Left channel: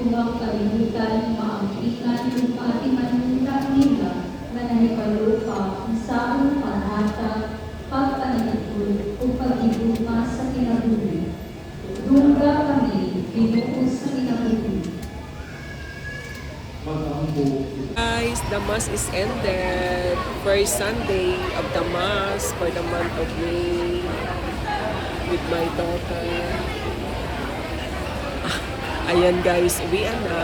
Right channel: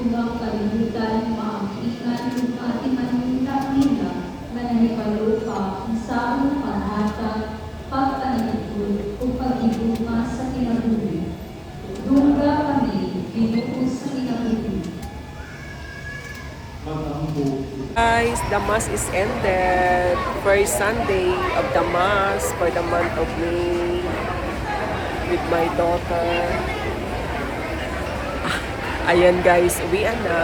kung ang kalibutan maangkingan kung ating anunang nila na nanipalupa sa ang panata, pagpanipod o pag-ibuma sa kinabuhi. Dungga kami, Ginoo sa kinabuhi. Guys, the Mass is ended. First Sunday of the Mass for the month of May with my daughter. Ayan guys, uwian na.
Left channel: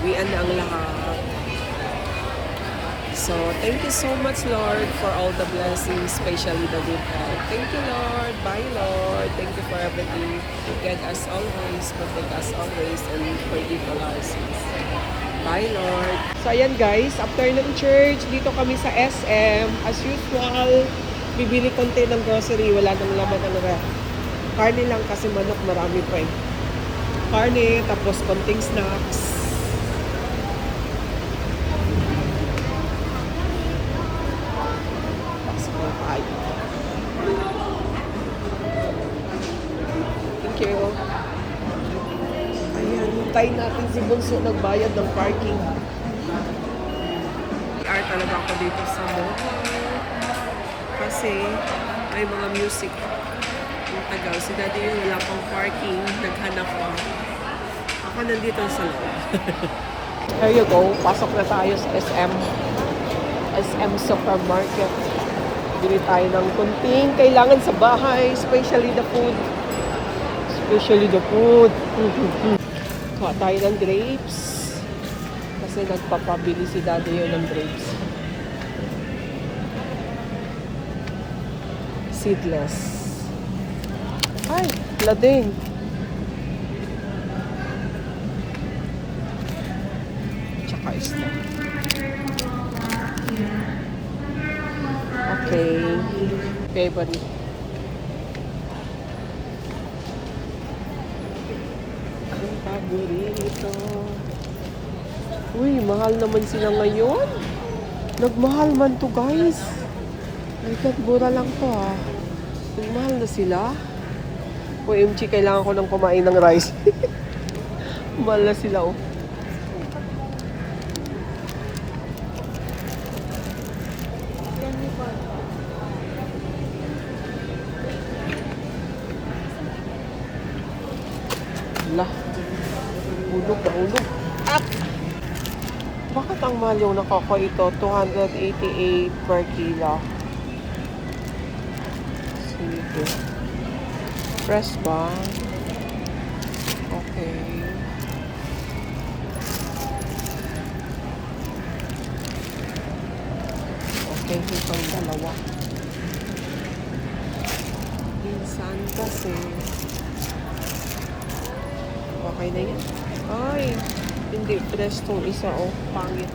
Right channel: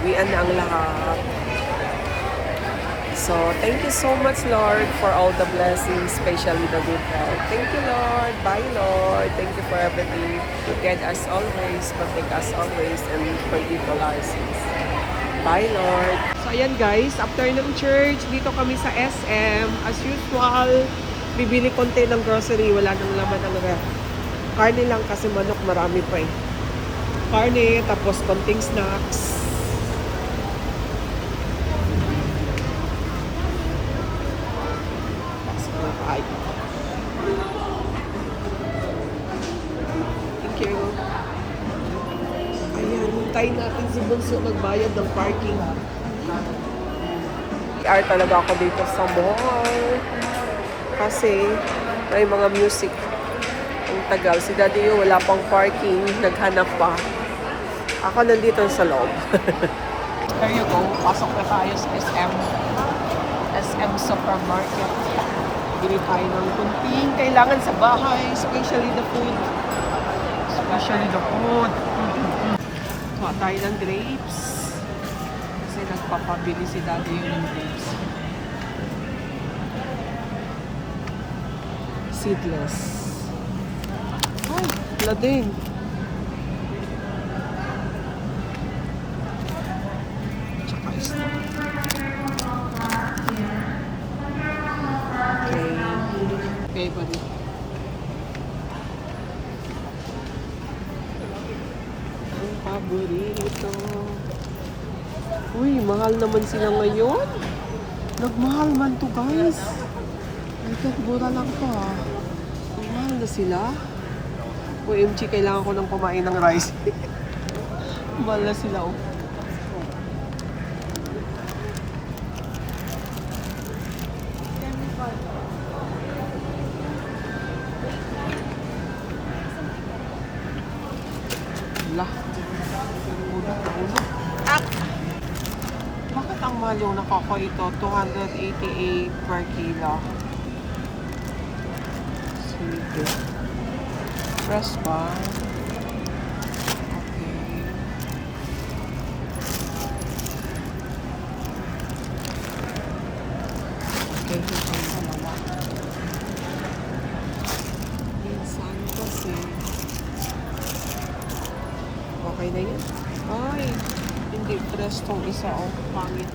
Uwian na ang lahat. So, thank you so much, Lord, for all the blessings, especially the good health. Thank you, Lord. Bye, Lord. Thank you for everything. Guide us always, protect us always, and forgive all our sins. Bye, Lord. So, ayan guys, after ng church, dito kami sa SM. As usual, bibili konti ng grocery. Wala nang laman ang ref. Karne lang kasi manok, marami pa eh. Karne, tapos konting snacks. Thank you. Ayan, hintayin natin si Bunso nagbayad ng parking. PR talaga ako dito sa mall. Kasi may mga music. Ang tagal. Si Daddy yung wala pang parking. Naghanap pa. Ako nandito sa loob. There you go. Pasok na tayo sa SM. SM Supermarket. Bili tayo ng kunting kailangan sa bahay. Especially the food. Especially the food. Kuha tayo ng grapes. Kasi nagpapabili si Daddy yun ng grapes. Seedless. Ay, lading. Tsaka ista. Okay. Favorite. Ang paborito. Uy, mahal naman sila ngayon. Nagmahal man to guys. Nagmura lang to ah. Mahal na sila. OMG, kailangan ko nang kumain ng rice. Mahal na sila oh. Wala. Ulog. Ah! Bakit ang mahal yung nakako ito? 288 per kilo. Sige. Fresh ba? Okay. Okay, ito yung dalawa. Minsan kasi okay na yun. Ay, hindi fresh tong isa o. Pangit.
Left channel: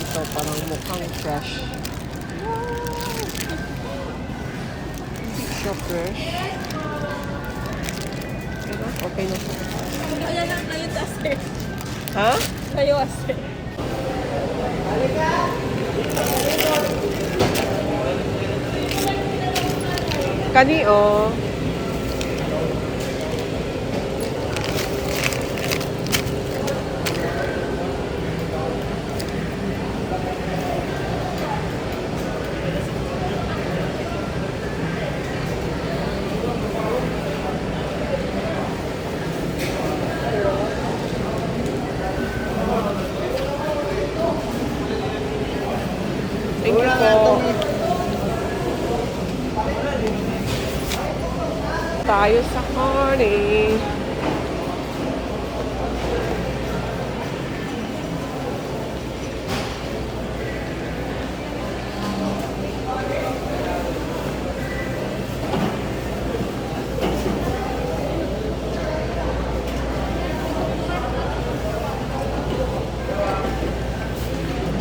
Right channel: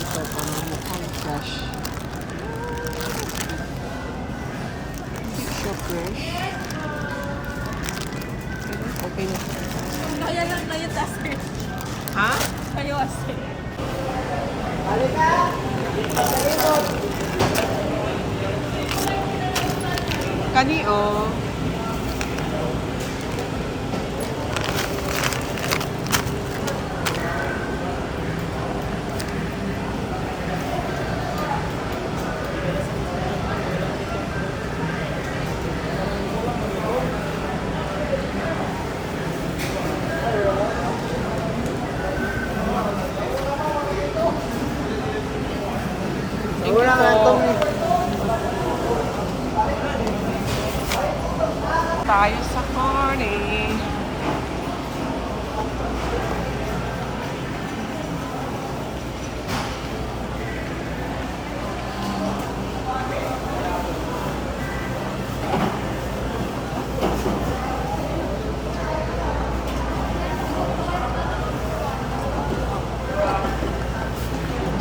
Ito parang mukhang fresh. Hindi siya fresh. Pero okay na siya. Kaya lang tayo kasi. Ha? Tayo kasi. Kani o. Tayo sa morning.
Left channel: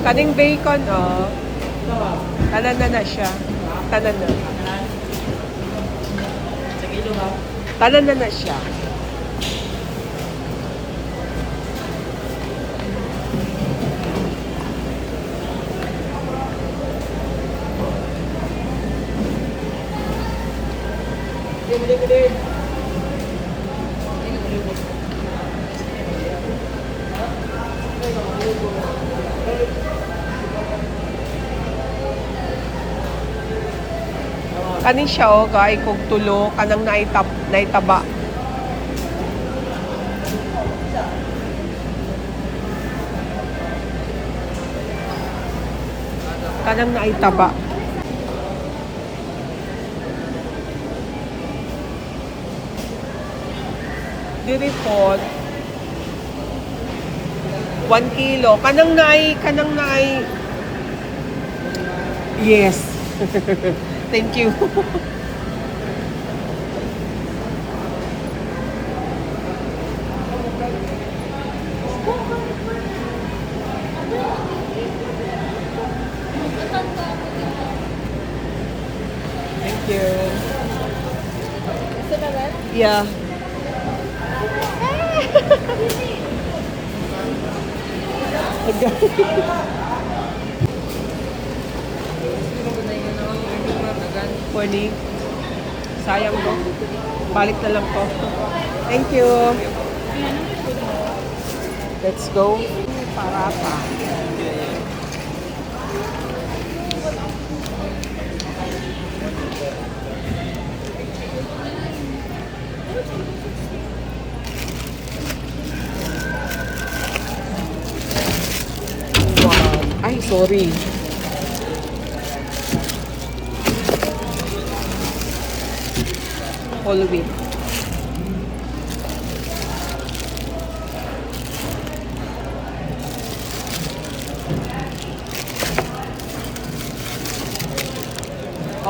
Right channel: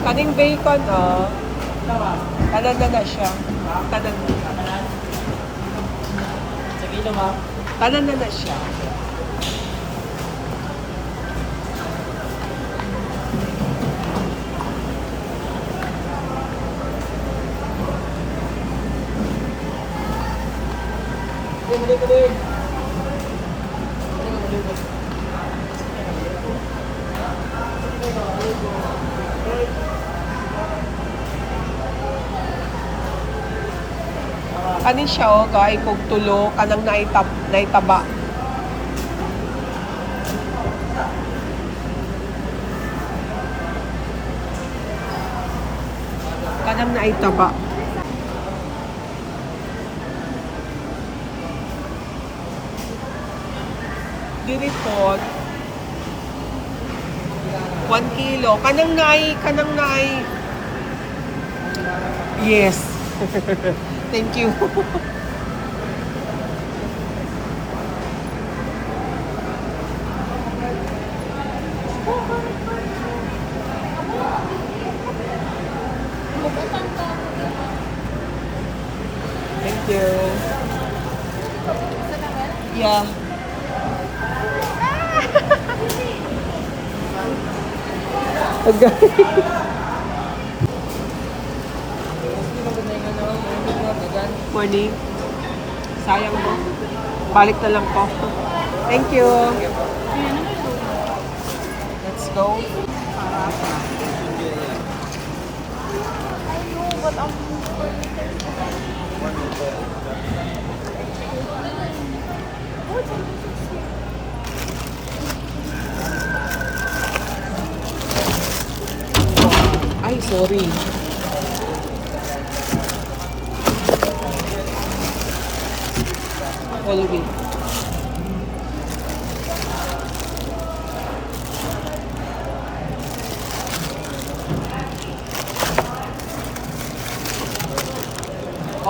Kaning bacon, oh. Tanan na siya. Tanan na. Sa kilo mo? Tanan na siya. Ano siya o, kay kung tulo, kanang naitaba. Kanang naitaba. Diripot. 1 kilo. Kanang nai. Yes. Thank you. Thank you. Yeah. Morning. Sayang mo. Balik na lang ko. Thank you. Let's go. Parata. Ay, sorry. Whole wheat.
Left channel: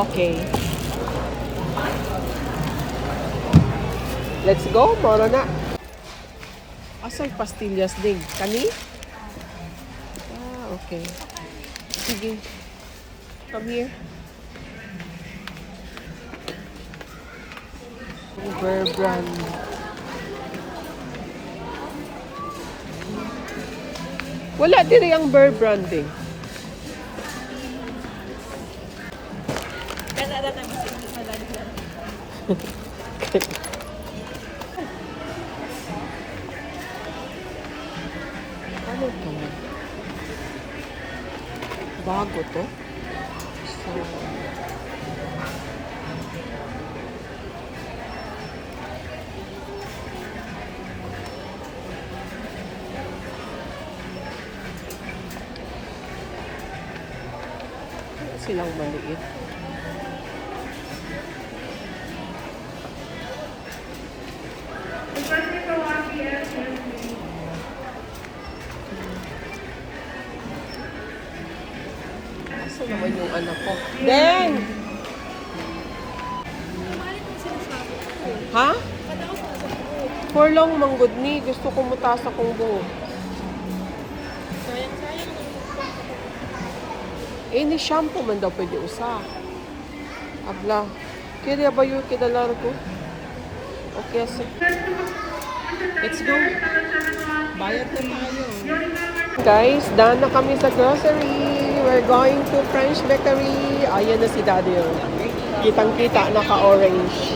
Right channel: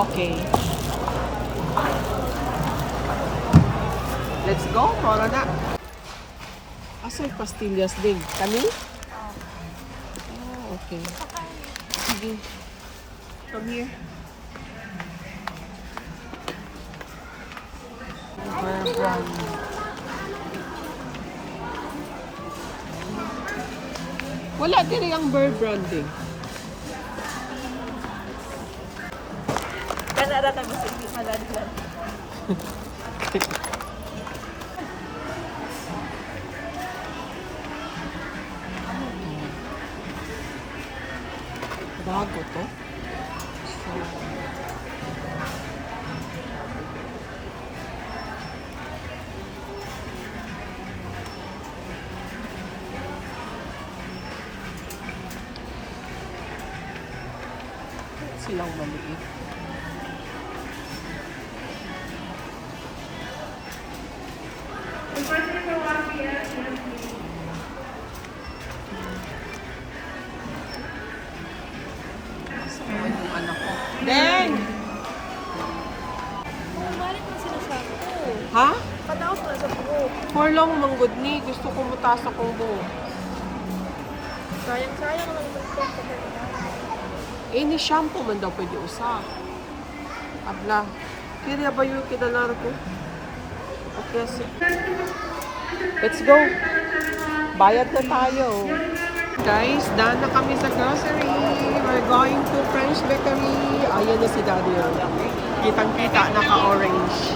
Okay. Let's go, Moro na. Asal pastillas din? Kani? Ah, okay. Sige. Come here. Wala din yung Bear Brand eh. Bago to. Silang maliit. Saan ba yung ano ko? Den! Bumalik mo sinasabi ko. Ha? Panaos mo sa buhok. For long manggod ni. Gusto ko mutaas akong buhok. Sayang lang naman ito. Eh, ni shampoo man daw pwede usa. Abla. Kaya ba yung kidalar ko? Okay, so. Let's go. Bayad na tayo. Guys, daan na kami sa grocery. We're going to French Bakery. Ayan na si Daddy. Kitang-kita, naka-orange.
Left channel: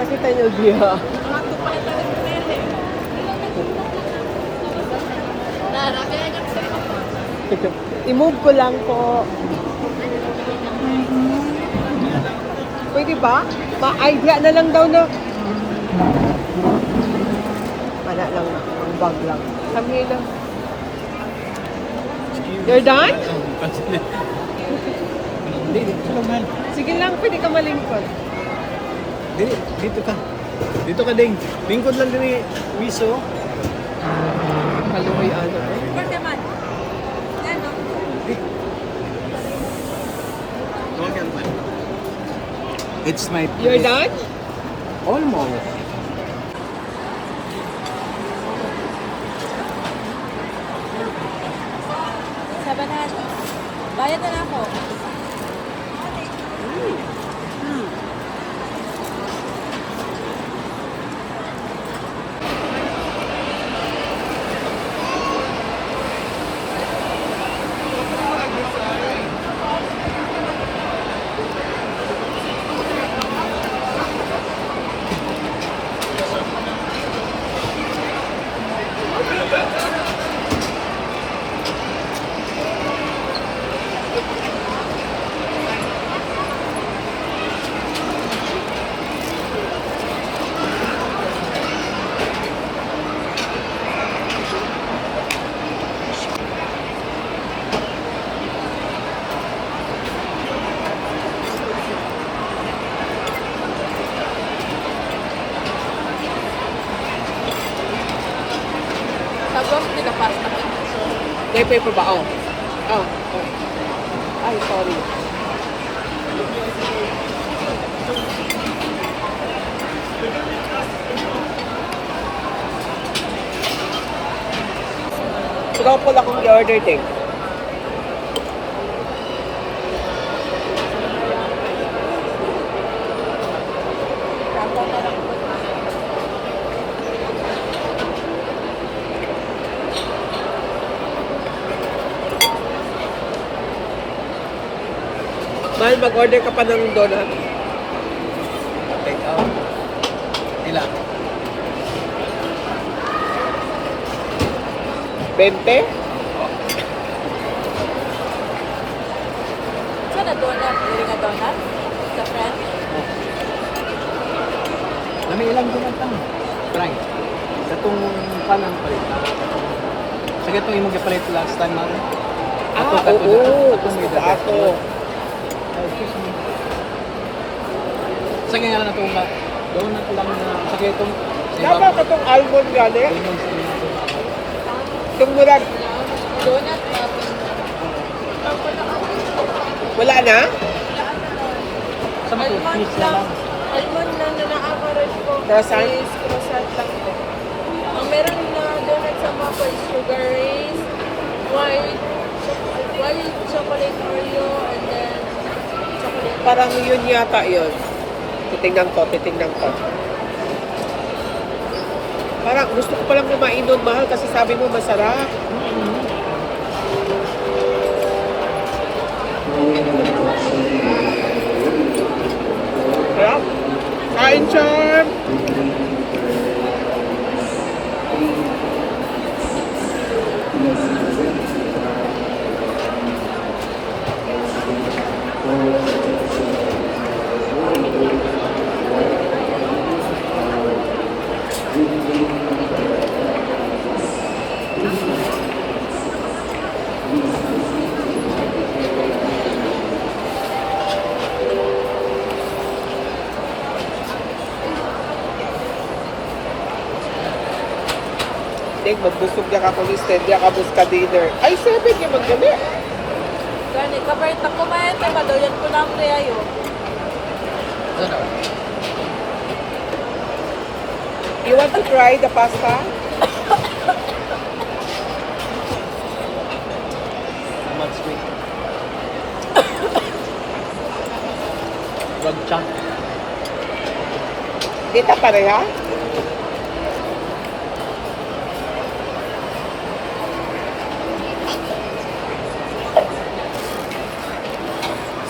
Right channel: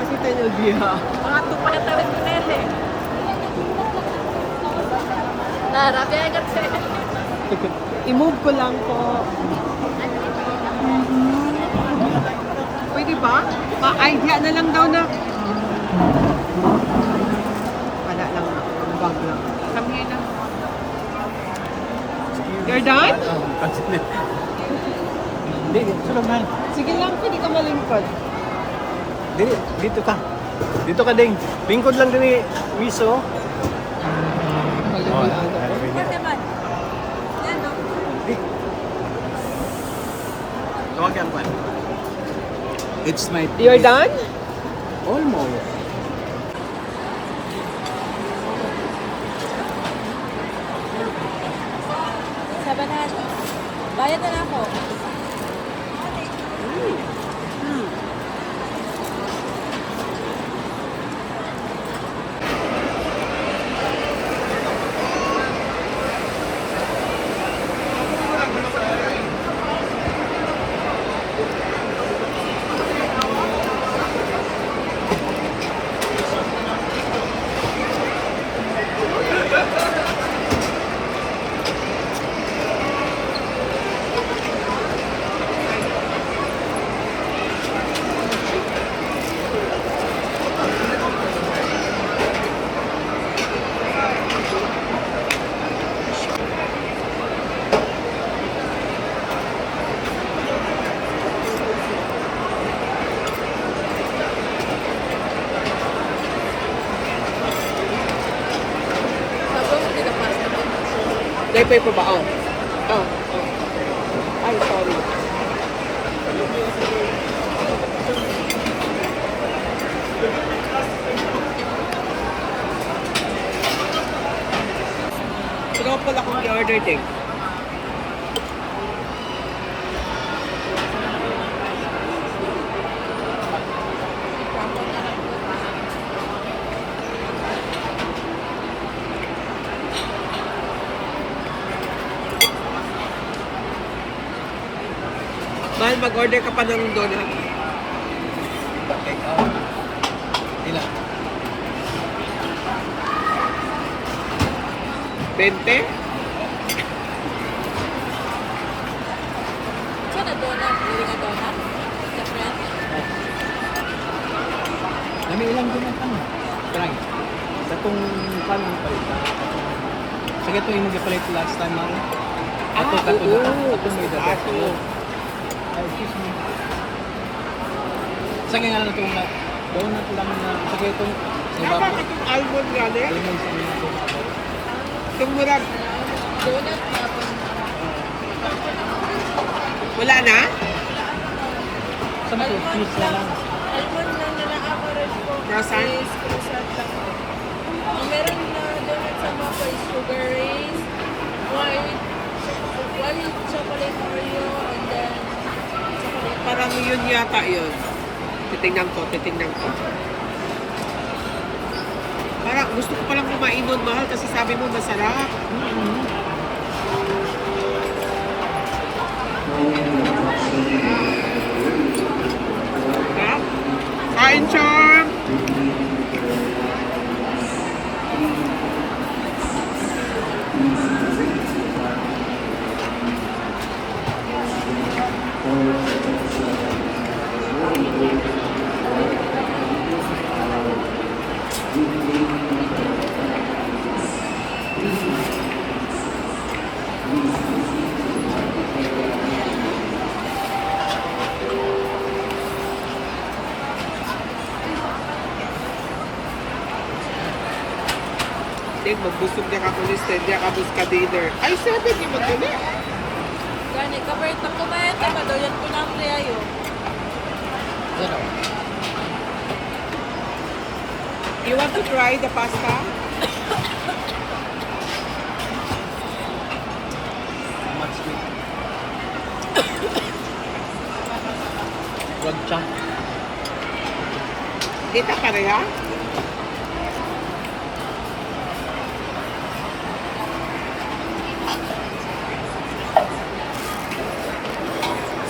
Ako tayo nalbiya. I-move ko lang po. Pwede ba? Ma-idea na lang daw na. Wala lang. Ang bag lang. Kami na. You're done? Hindi, dito naman. Sige lang, pwede ka malingkod. Dito ka. Dito ka, Ding. Lingkod lang din ni Miso. Kaluwi ano. Report naman. Yan, no? Tumakian pa. It's my... You're done? Almost. Sabanan. Bayad na ako. May paper ba? Oh. Oh. Ay, sorry. Truffle akong i-order din. Mahal, mag-order ka pa ng donut. Ila. 20? So, the donut, gawing a donut? The French? Ano ilang dumatang? Try. Sa itong palang. Sige ito yung palit last time. Ah, oo. Gusto ko ako. Sige nga lang ito. Gawin ko lang. Sige itong. Tama ka itong almond gano'n? Itong murag. Donut natin. Wala na? Sample piece na lang. Ayun lang na na-average ko. Croissant? Croissant lang po. Ang meron na donut sa maple, sugar race, white chocolate Oreo, and then chocolate. Parang yun yata yun. Titingnan ko. Parang gusto ko palang kumain nun, mahal, kasi sabi mo masarap. Sarap. Kain, Charm! Then, magbusog niya ka kulis, niya ka bus ka dinner. Ay, 7 yung magdali. Gani, kabait ako kumain, diba? Donut ko na ang kayo. You want to try the pasta? Gancha. Kita pareha?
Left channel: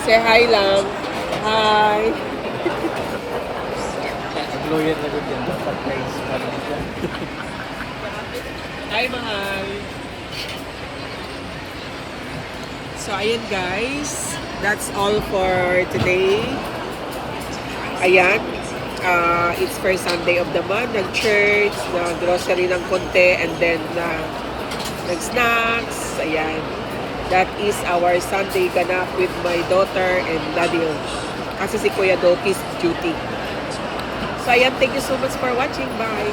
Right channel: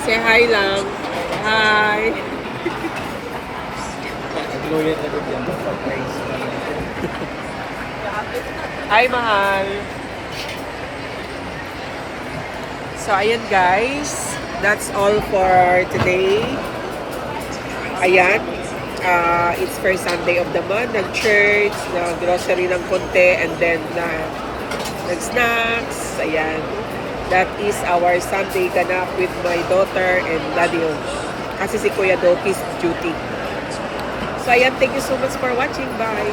Say hi lang. Hi. Nag-lawyer na rin yan. Hi, mahal. So, ayan guys. That's all for today. Ayan. It's first Sunday of the month. Nag-church, nag-grocery ng konti, and then nag-snacks. Ayan. That is our Sunday ganap with my daughter and Daddy. Kasi si Kuya Doki's duty. So, ayan. Thank you so much for watching. Bye.